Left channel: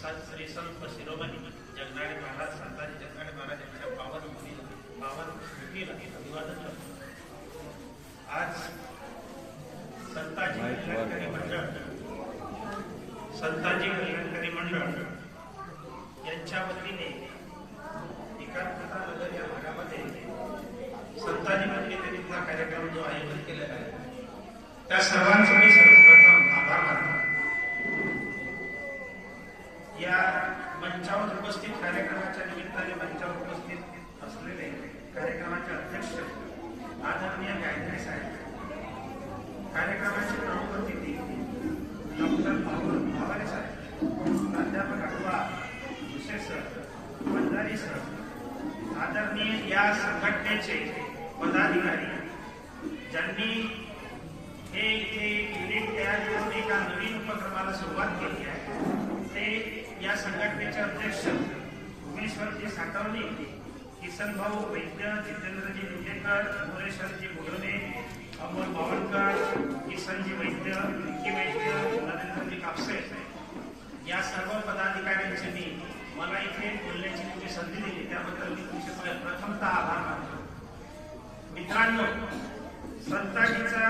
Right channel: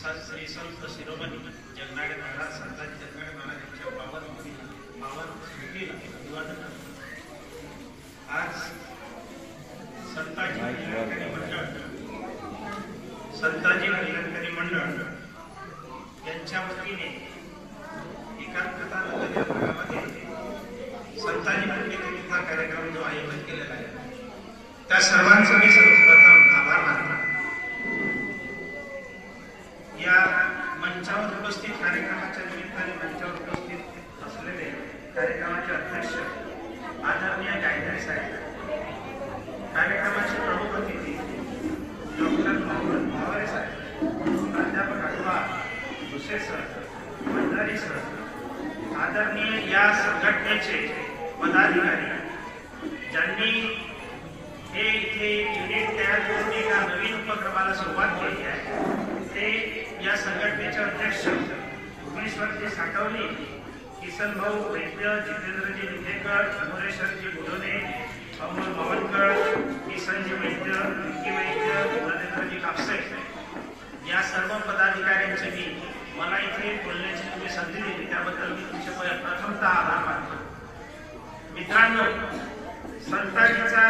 स- श्री संत शिरोमणी जगनाडे महाराज संताजी जगनाडे महाराज यांच्या पावन मुली पावन स्मृतीला अभिवादन करतो आज संताजी कल्याणकारी मंडळ संताजी कल्याणकारी मंडळ यांच्या वतीने एकात्मता नगर या भागामध्ये संताजी पुण्यतिथीचा कार्यक्रम जो आयोजित केलेला आहे त्या सर्वांचं मी सर्वप्रथम आभार मानतो. या मंचावर उपस्थित कार्यक्रमाच्या निमित्ताने मंचावर उपस्थित असलेले कार्यक्रमाचे अध्यक्ष आदरणीय गायकरी साहेब कार्यक्रमाचे प्रमुख अतिथी डॉक्टर मोहम्मद पवारे साहेब प्राध्यापक अडवा भुसे सर भंडारी सर आदरणीय या संघटनेचे पदाधिकारी ज्यांनी हे इथे युनिट तयार करून एका नवीन उपक्रमाला सुरुवात केली आहे. संघटनेचे अध्यक्ष भुवनेश्वरजी साठवणे किसन भाऊ वैद्य जितेंद्रजी लिंगेकर अमरेश्वरजी बोडोने अमोल मावळकर किसनजी वैद्य विकी वैद्य नरेंद्रजी कापसे. या सर्व पदाधिकाऱ्यांचे मी मला इथे बोलण्याची तुम्ही संधी दिली. त्याबद्दल मी तुमचे प्रथमतः आभार मानतो. मित्रांनो संताजीचा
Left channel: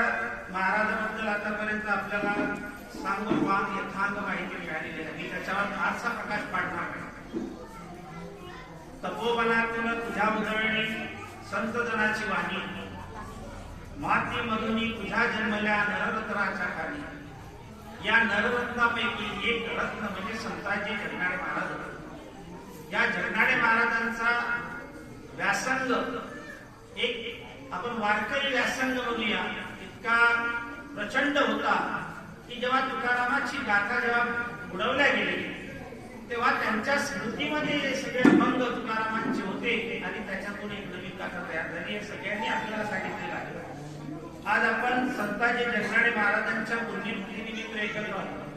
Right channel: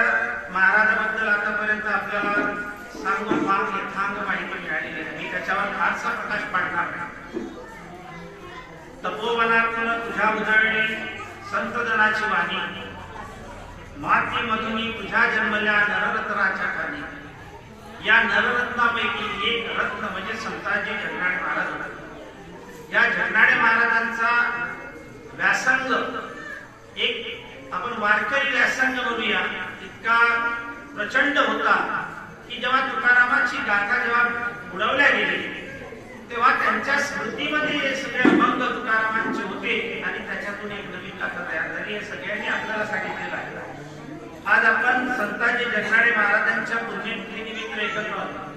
महाराजाबद्दल आतापर्यंत आपल्याला सांगून फार यथांग माहिती मिळालेली आहे मी त्याच्यावर फारसा प्रकाश पाडणार नाही. तपोवनात तुझ्या उधळणे संत जनाची वाणी माती मधुनी तुझ्या जन्मल्या नररत्नाच्या खाली या नररत्नापैकी एक रत्न म्हणजे संताजी जगनाडे महाराज होते. या जगनाडे महाराजांचा व्यासंग एक आपण वारकरी व्यासंग म्हणूया इतका प्रचंड होता की जेव्हा तुकारामाची गाथा जेव्हा बुडवल्या गेली तेव्हा त्यांच्या स्मृतीमध्ये हे सगळे अभंग तुकारामांचे होते आणि त्याच्यातून एक नवीन गाथा तयार झाली. हे सगळ्यांनी आपल्याला सांगितलेलं आहे. आज आपण संताजी जगनाडे महाराजांच्या पुण्यतिथीनिमित्त एकत्र आलो.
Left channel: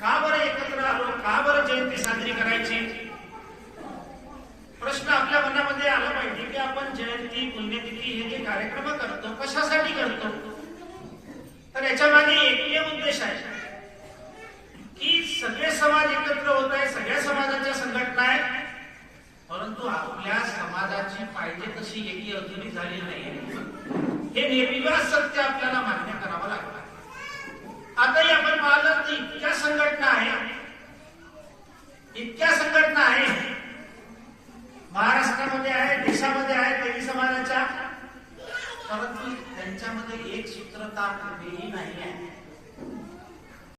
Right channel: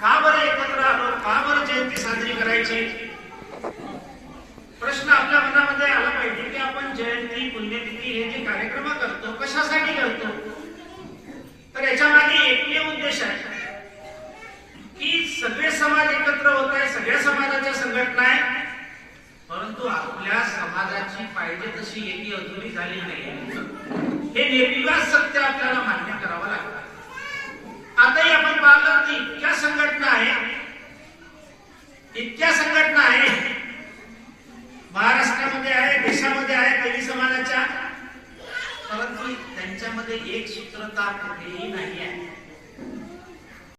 का बरं एकत्र आलो? का बरं जयंती साजरी करायची? प्रश्न आपल्या मनामध्ये आला पाहिजे की आपण जयंती पुण्यतिथी हे जे कार्यक्रम करतो कशासाठी करतो? आपल्या समाजाची पाहिजे तशी एकी अजूनही झाली नाही. हे निर्विवाद सत्य आपल्याला मान्य करावं लागलं आताही आपण पाहिलं की इतक्या संघटना आहे इतक्या संघटना आहे महाराष्ट्रामध्ये आहे देशामध्ये आहे देवी समाजाच्या. परंतु त्यांच्यामध्ये एक सूत्रता कुठेही नाही आहे.